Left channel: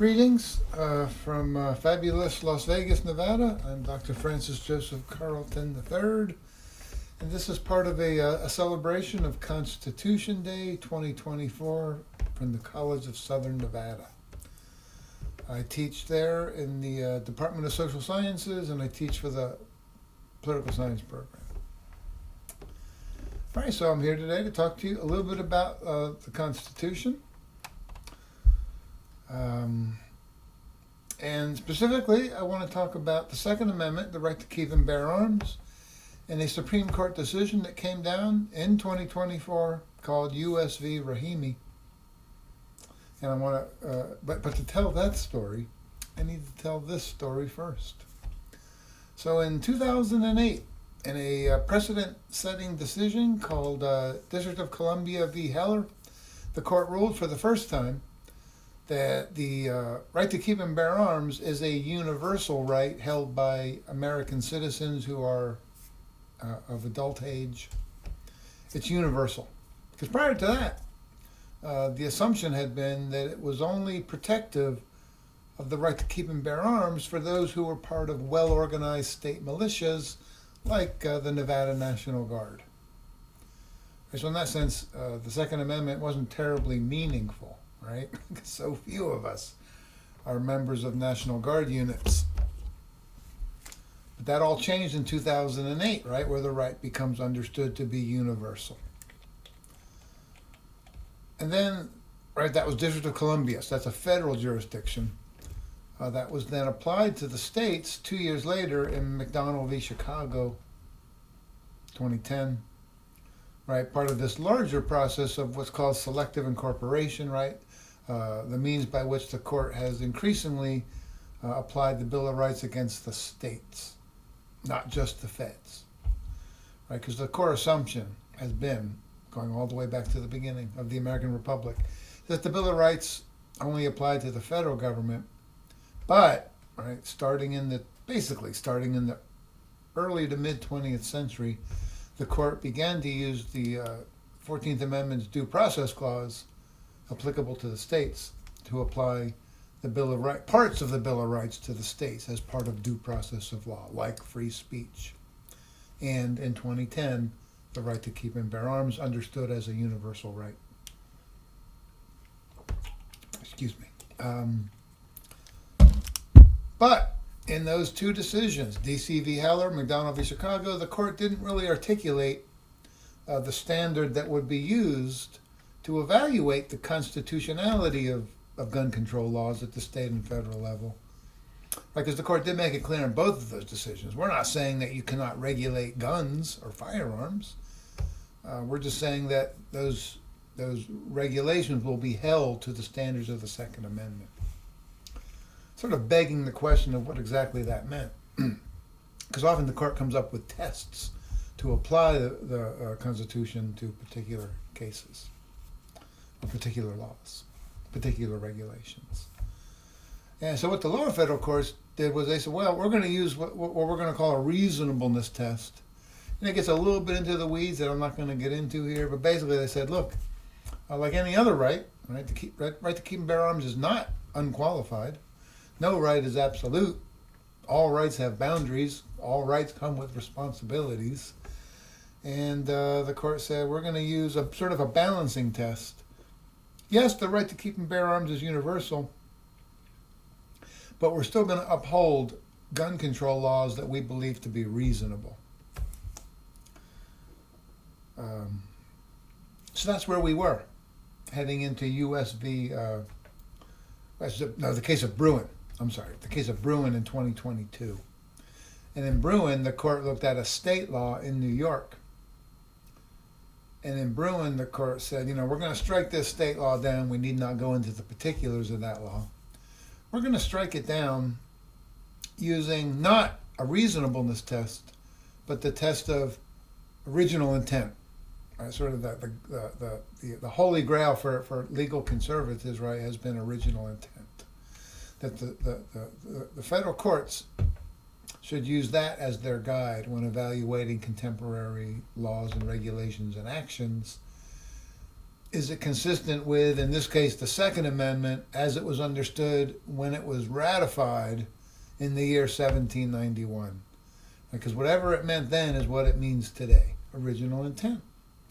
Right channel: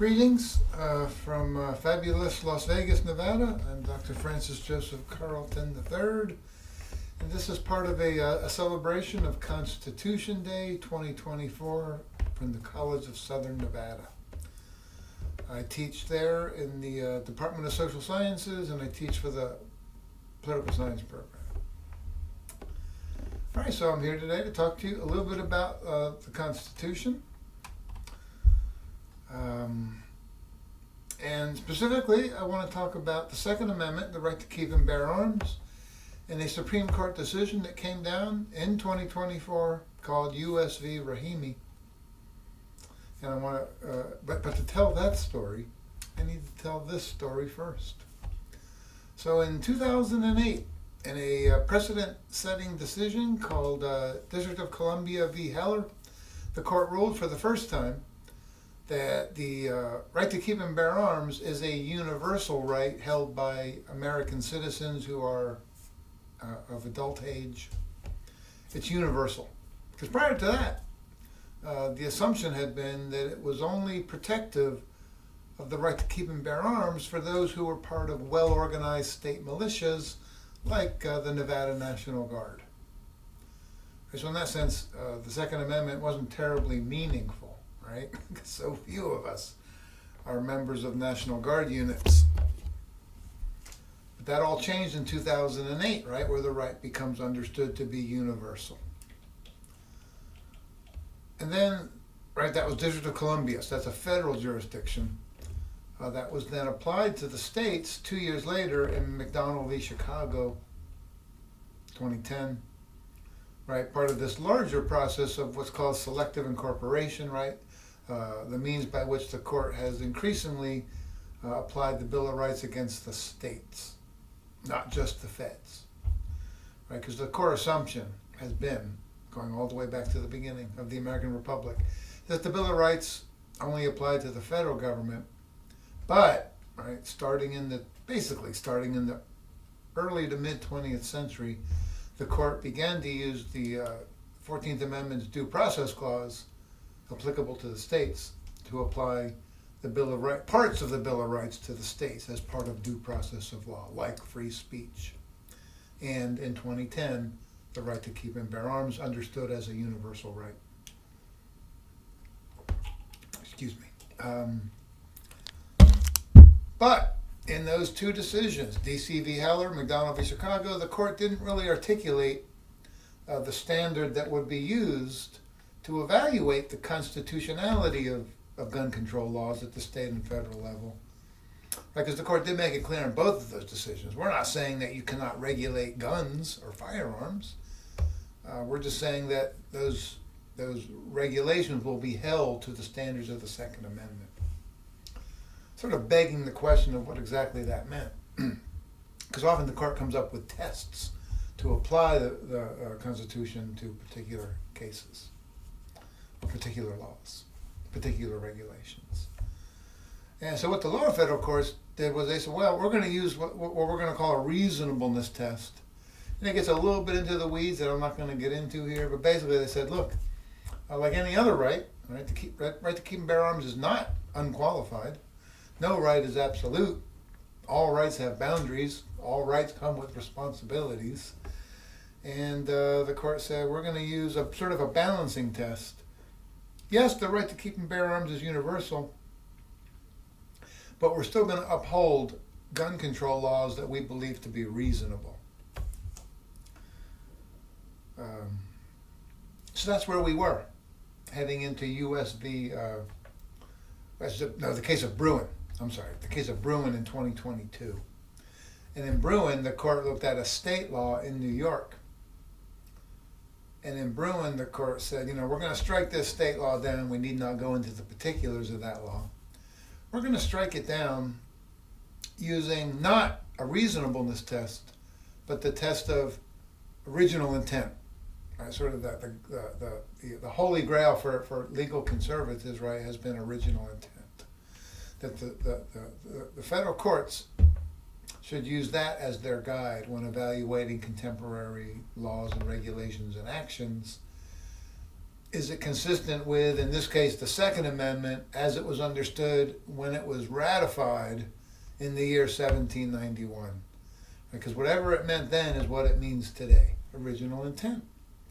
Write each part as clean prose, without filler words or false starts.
Greetings from fabulous Las Vegas, Nevada. I'm Dr. Francis Joseph Carlton III, and this is part of a celebration of Constitution Day 2024 from the College of Southern Nevada. I teach there in the Department of Social Sciences, and I teach for the Political Science program. All right, so I'm here today to talk to you a little bit about the Constitution. And specifically, I want to talk about the Second Amendment, the right to keep and bear arms, and a Supreme Court decision that came down in 2024 called U.S. v. Rahimi. And I want to, but to tell that story, I need to tell this story first. So in 2008, in a precedent-setting decision called District of Columbia v. Heller, the court ruled for the first time that the right to keep and bear arms is a universal right held by American citizens who are of adult age. It's universal. Because prior to that, the assumption had been that it was only protective of the right to keep and bear arms for those who were part of well-organized state militias like the Nevada National Guard. So in that sense, the Second Amendment wasn't terribly meaningful. Right? So few of us are members of National Guard units. But that all changed in 2008, right, where the right becomes understood to be universal. And then, right, that was District of Columbia, so that's a federal jurisdiction. That was then applied to the states 2 years later in McDonald v. Chicago, 2010. Right, part of this larger process of what's called selective incorporation, right? The means by which the court has increasingly applied the Bill of Rights against the states, not just the feds, right? Because the core assumption has been, going all the way back to the beginning of the American Republic, that the Bill of Rights only applied to the federal government, but, right, starting in the early to mid 20th century, the court began to use the 14th Amendment's Due Process Clause applicable to the states to apply the Bill of Rights, parts of the Bill of Rights to the states as part of due process of law, like free speech. And in 2010, the right to keep and bear arms understood as a universal right. Excuse me. But in those two decisions, D.C. v. Heller, McDonald v. Chicago, the court didn't really articulate the standard that would be used to evaluate the constitutionality of gun control laws at the state and federal level. Right, because the court did make it clear in both of those decisions. We're not saying that you cannot regulate guns or firearms. We're just saying that those regulations will be held to the standards of the Second Amendment. Sort of begging the question of what exactly that meant. Because often the court comes up with tests to apply the Constitution to particular cases, or particular laws, particular regulations. And so what the lower federal courts did was they said, well, we're going to use what we're going to call a reasonableness test. And it gets a little bit into the weeds that I'm not going to get into here, but basically they said, look, like any other right to keep and bear arms is not unqualified. No right is absolute. All rights have boundaries. All rights come with responsibilities. And the court said, we're going to use a sort of a balancing test. Yes, the right to keep and bear arms is universal, but we're still going to uphold gun control laws that we believe to be reasonable. So that's where we were, heading into U.S. v. The case of Bruen. The case of Bruen in 2022. And in Bruen, the court looked at a state law in New York. And in Bruen, the court said, we're going to strike this state law down. We need not go into the particulars of that law. We're going to strike it down using not a reasonableness test, but the test of original intent. Right? Sort of the holy grail for legal conservatives, right, has been original intent. That the federal courts should use that as their guide when evaluating contemporary laws and regulations and actions is it consistent with, in this case, the Second Amendment as it was understood when it was ratified in the year 1791? Because whatever it meant then is what it means today, original intent.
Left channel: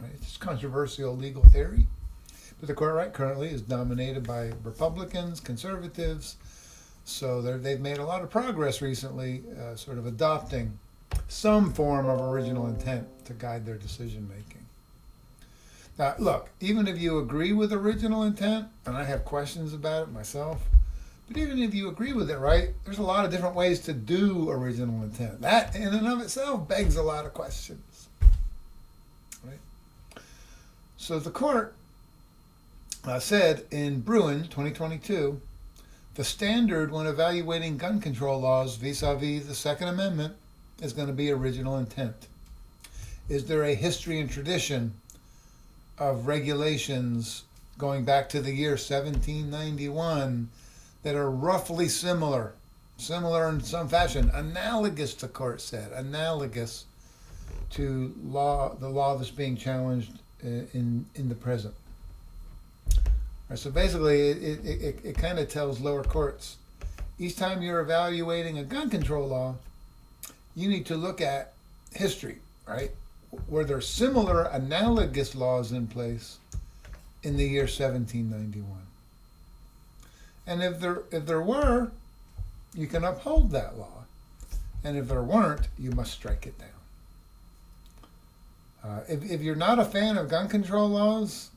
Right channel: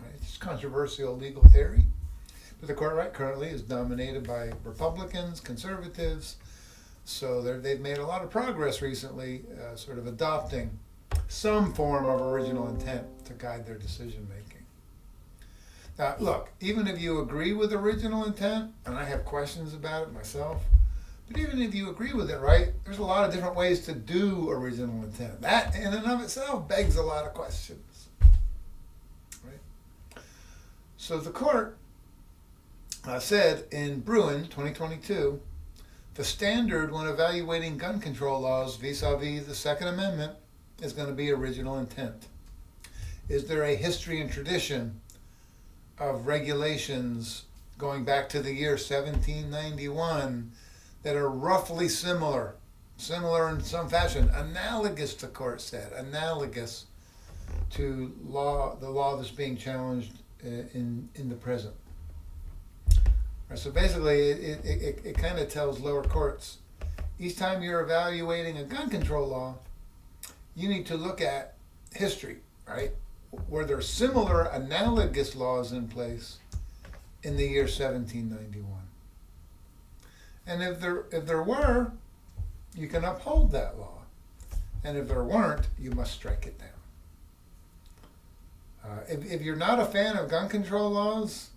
Right? It's controversial legal theory, but the court right currently is dominated by Republicans, conservatives, so they've made a lot of progress recently, sort of adopting some form of original intent to guide their decision making. Now, look, even if you agree with original intent, and I have questions about it myself, but even if you agree with it, right, there's a lot of different ways to do original intent. That in and of itself begs a lot of questions, right? So the court said in Bruen, 2022, the standard when evaluating gun control laws vis-a-vis the Second Amendment is going to be original intent. Is there a history and tradition of regulations going back to the year 1791 that are roughly similar in some fashion, analogous, the court said, analogous to the law that's being challenged in the present. Right, so basically, it kind of tells lower courts, each time you're evaluating a gun control law, you need to look at history, right? Were there similar analogous laws in place in the year 1791? And if there were, you can uphold that law. And if there weren't, you must strike it down. If you're not a fan of gun control laws,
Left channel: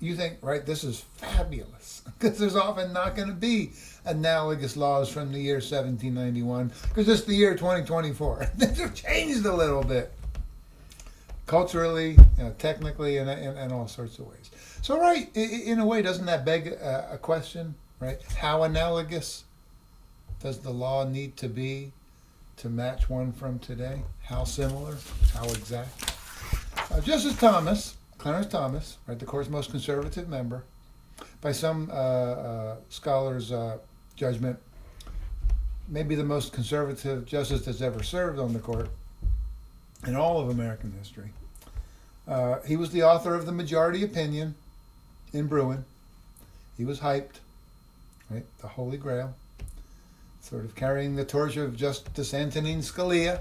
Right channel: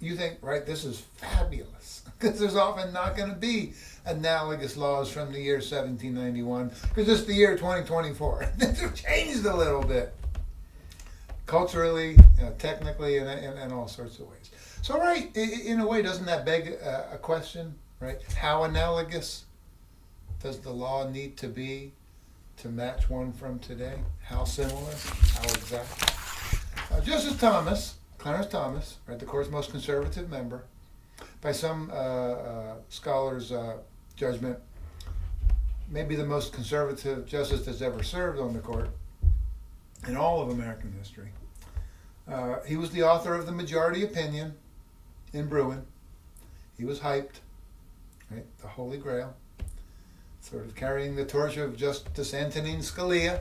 you think, right, this is fabulous. Because there's often not going to be analogous laws from the year 1791, because it's the year 2024. Things have changed a little bit. Culturally, technically, and all sorts of ways. So, right, in a way, doesn't that beg a question, right? How analogous does the law need to be to match one from today? How similar? How exact? Justice Thomas, Clarence Thomas, right, the court's most conservative member, by some scholars' judgment, maybe the most conservative justice that's ever served on the court in all of American history. He was the author of the majority opinion in Bruen. He was hyped, right? The Holy Grail, sort of carrying the torch of Justice Antonin Scalia,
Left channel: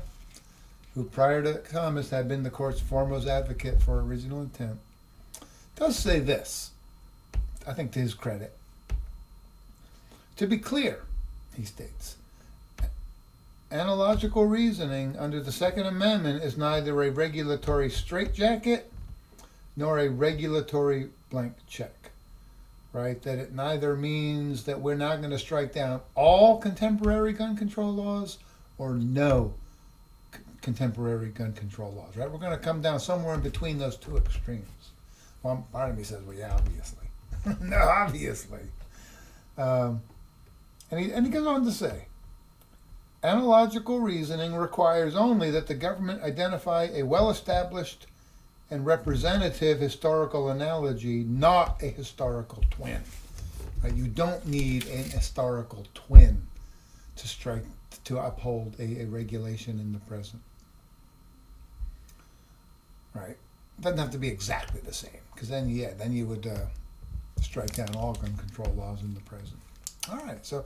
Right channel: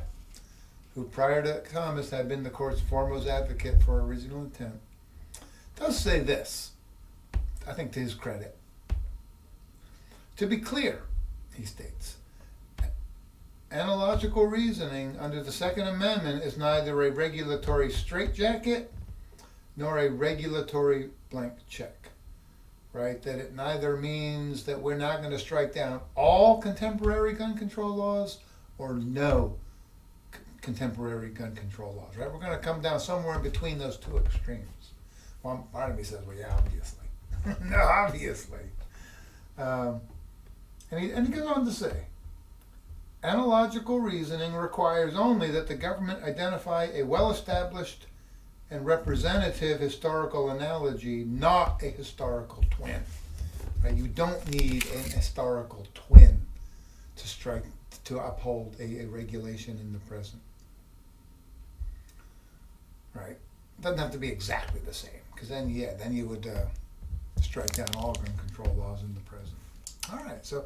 who prior to Thomas had been the court's foremost advocate for original intent. Does say this, I think to his credit. To be clear, he states, analogical reasoning under the Second Amendment is neither a regulatory straitjacket nor a regulatory blank check, right? That it neither means that we're not going to strike down all contemporary gun control laws or no contemporary gun control laws, right? We're going to come down somewhere in between those two extremes. One part of me says, well, yeah, obviously. No, obviously. And he goes on to say, analogical reasoning requires only that the government identify a well-established and representative historical analogy, not a historical twin. Right? You don't need an historical twin to uphold a regulation in the present. Right? It doesn't have to be exactly the same, because then you would strike down all gun control laws in the present. All right, so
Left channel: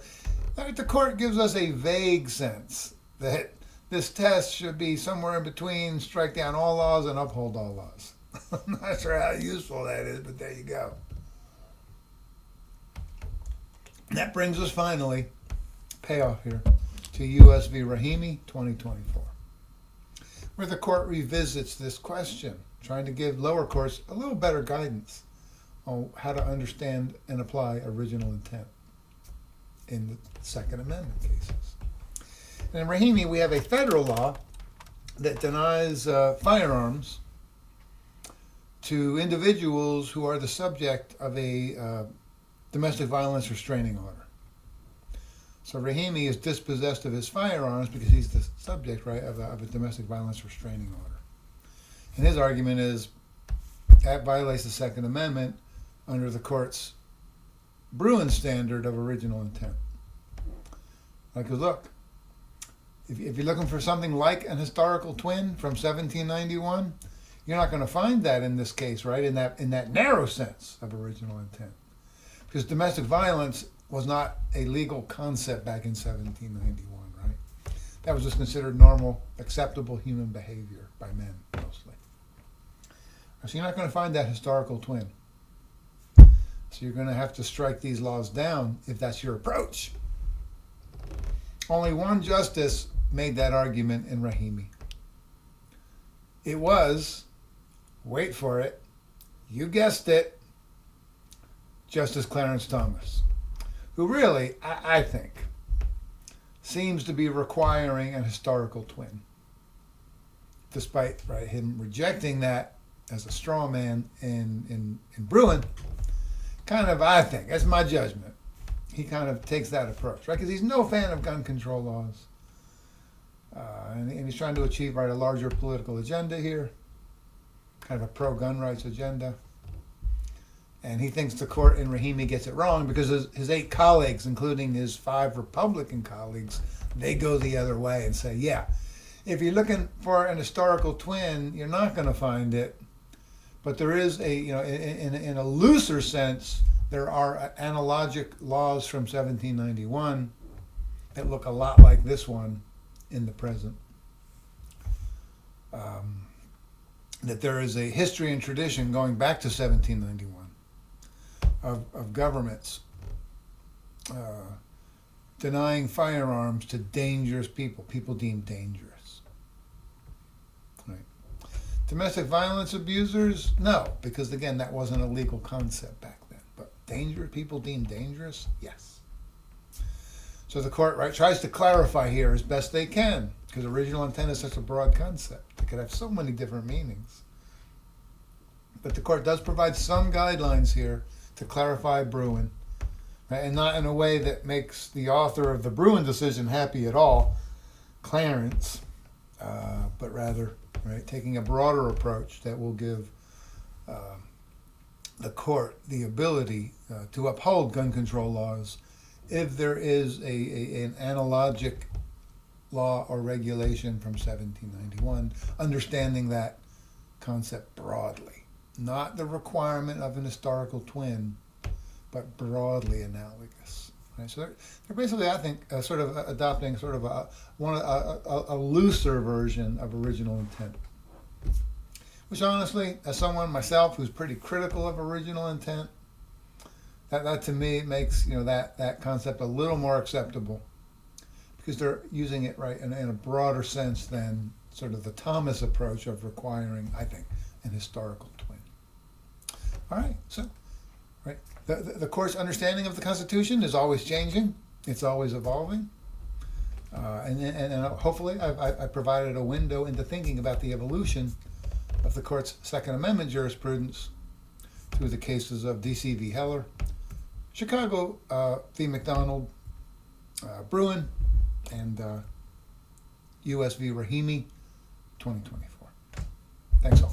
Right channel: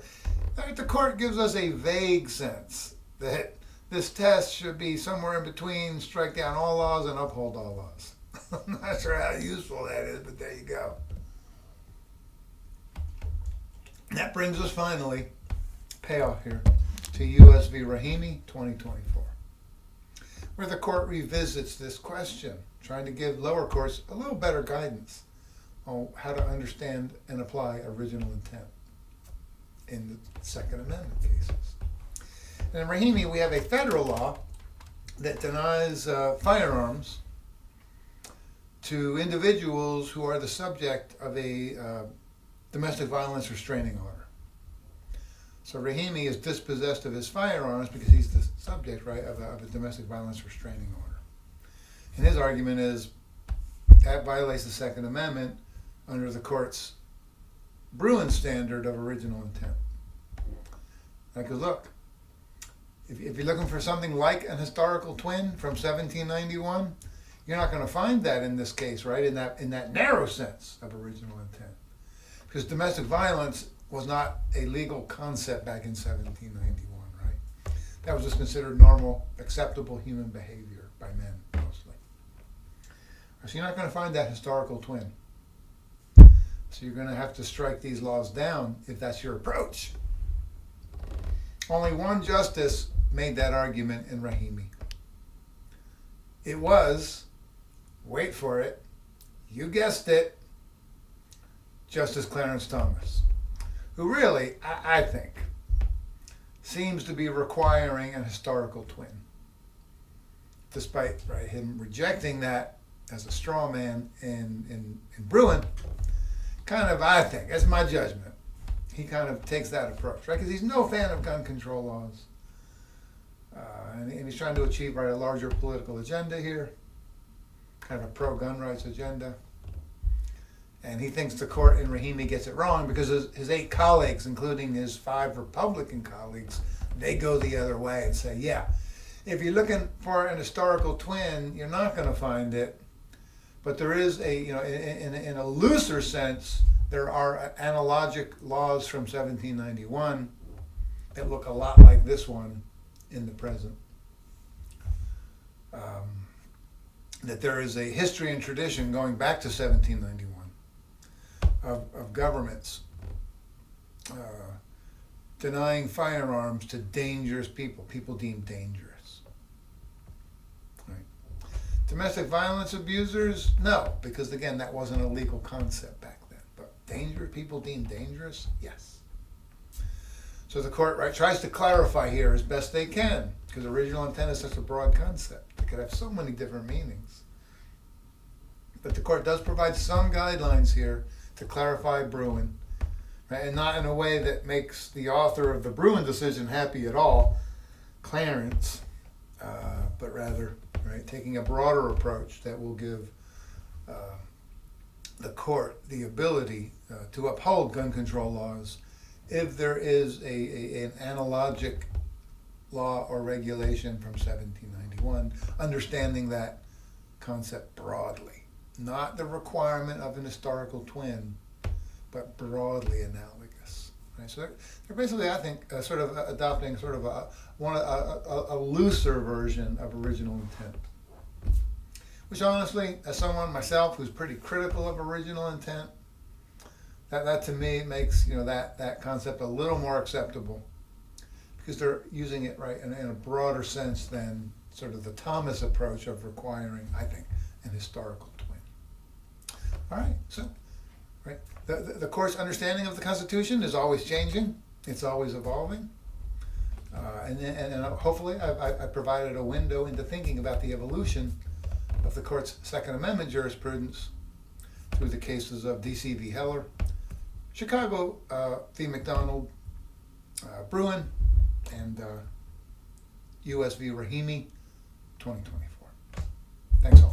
the court gives us a vague sense that this test should be somewhere in between strike down all laws and uphold all laws. I'm not sure how useful that is, but there you go. And that brings us finally, payoff here, to U.S. v. Rahimi, 2024, where the court revisits this question, trying to give lower courts a little better guidance on how to understand and apply original intent in the Second Amendment cases. And in Rahimi, we have a federal law that denies firearms to individuals who are the subject of a domestic violence restraining order. So Rahimi is dispossessed of his firearms because he's the subject, right, of a domestic violence restraining order. And his argument is that violates the Second Amendment under the court's Bruen standard of original intent. Because look, if you're looking for something like an historical twin from 1791, You're not going to find that in this case, right? In that narrow sense of original intent, because domestic violence was not a legal concept back in 1791, right? That was just considered normal, acceptable human behavior by men mostly. So you're not going to find that historical twin. So you're going to have to strike these laws down if that's your approach. Only one justice made that argument in Rahimi. It was, wait for it, you guessed it, Justice Clarence Thomas, who really, I think, seems to be requiring an historical twin, despite him rejecting that as a straw man in Bruen. Kind of, I think, that's my judgment, he kind of takes that approach, right? Because he's no fan of gun control laws. And he's trying to achieve a larger political agenda here, kind of a pro-gun rights agenda. And he thinks the court in Rahimi gets it wrong because his 8 colleagues, including his 5 Republican colleagues, they go the other way and say, yeah, if you're looking for an historical twin, you're not going to find it. But there is in a looser sense, there are analogic laws from 1791 that look a lot like this one in the present. That there is a history and tradition going back to 1791 of governments denying firearms to dangerous people deemed dangerous. Right. Domestic violence abusers, no, because again, that wasn't a legal concept back then. But dangerous people deemed dangerous, yes. So the court tries to clarify here as best they can, because original intent is such a broad concept. It could have so many different meanings. But the court does provide some guidelines here to clarify Bruen, right? And not in a way that makes the author of the Bruen decision happy at all, Clarence, but rather taking a broader approach that will give the court the ability to uphold gun control laws if there is an analogic law or regulation from 1791, understanding that concept broadly. Not the requirement of an historical twin, but broadly analogous. Right? So they're basically, I think, sort of adopting sort of a looser version of original intent. Which honestly, as someone myself who's pretty critical of original intent, that to me makes that concept a little more acceptable, because they're using it in a broader sense than sort of the Thomas approach of requiring, I think, an historical twin. All right, so the court's understanding of the Constitution is always changing; it's always evolving, and hopefully I provided a window into thinking about the evolution of the court's Second Amendment jurisprudence through the cases of D.C. v. Heller, Chicago v. McDonald, Bruen, and U.S. v. Rahimi, 2024. Thanks all.